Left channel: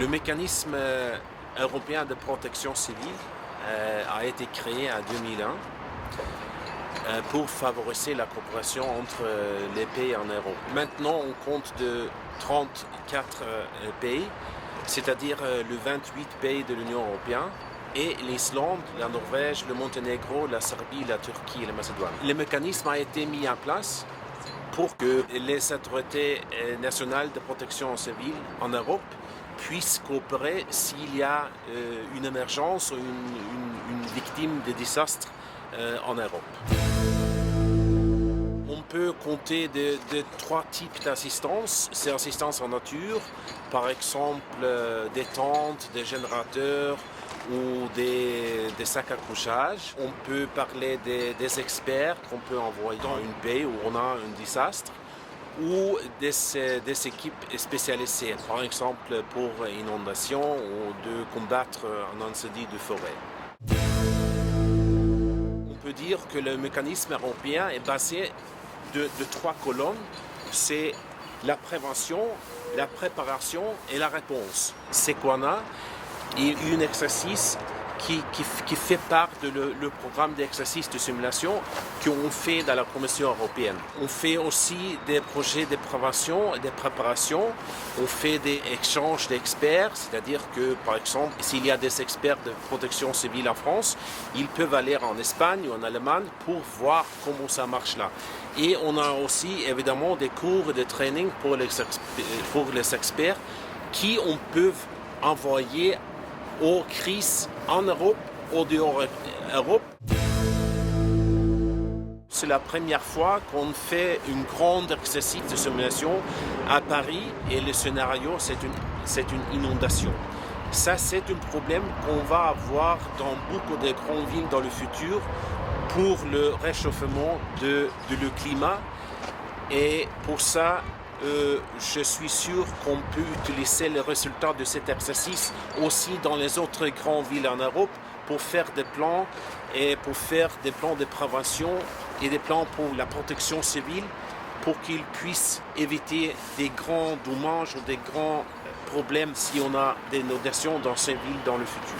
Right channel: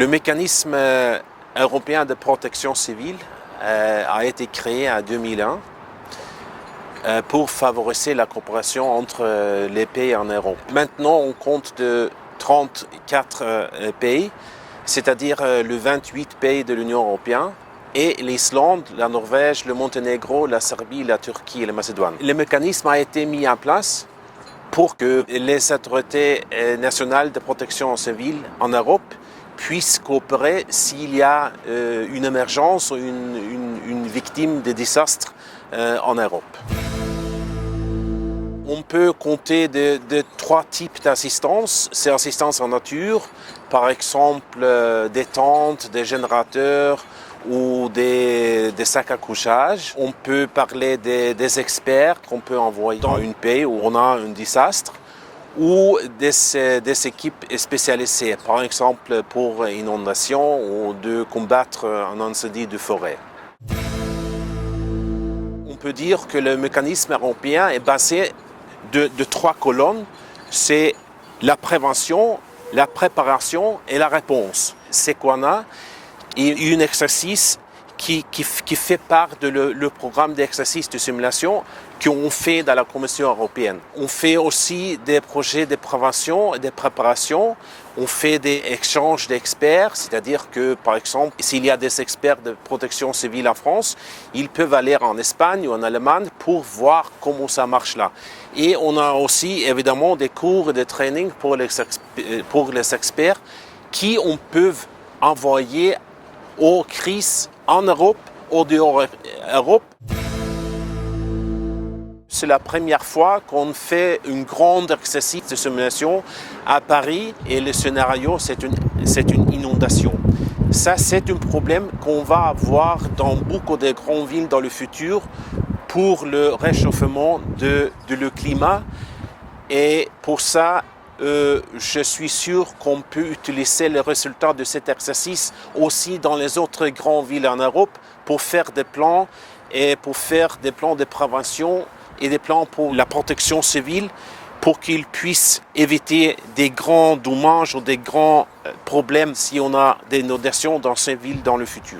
Le mécanisme européen de protection civile a été créé en 2001 pour favoriser la coopération entre les pays en Europe. Maintenant, on compte de 34 pays, c'est-à-dire le 28 pays de l'Union européenne, et l'Islande, la Norvège, le Monténégro, la Serbie, la Turquie et la Macédoine. Le mécanisme a été mis en place pour que les autorités nationales de protection civile en Europe puissent coopérer s'il y a une émergence ou une victime de désastre en Europe. On peut compter de trois types d'assistance. C'est assistance en nature, par exemple des tentes, des générateurs ou des sacs à couchage. On peut parler des experts qu'on peut envoyer dans un pays où on a un désastre ou des équipes spécialisées, par exemple pour inondation ou de combattre un incendie de forêt. On peut dire que le mécanisme européen est basé de trois colonnes, c'est la prévention, la préparation et la réponse. C'est qu'on a un exercice qui fait part de le programme d'exercice de simulation qu'on fait dans la Commission européenne. On fait aussi des projets de prévention et de préparation. On fait des échanges d'experts, c'est-à-dire que, par exemple, s'il y a des experts de protection civile en France, ils peuvent aller en Espagne ou en Allemagne pour voir comment ça marche là. Et on a aussi, évidemment, des cours et des trainings pour les experts qui on peut envoyer aux crises en Europe ou dehors Europe. C'est la première fois qu'on fait un grand exercice de simulation à Paris et le scénario, c'est une inondation. Ça, c'est un problème qu'on va avoir dans beaucoup de grandes villes dans le futur pour le réchauffement de le climat. Et pour ça, je suis sûr qu'on peut utiliser les résultats de cet exercice aussi dans les autres grandes villes en Europe pour faire des plans et pour faire des plans de prévention et des plans pour la protection civile pour qu'ils puissent éviter des grands dommages ou des grands problèmes si on a des inondations dans ces villes dans le futur.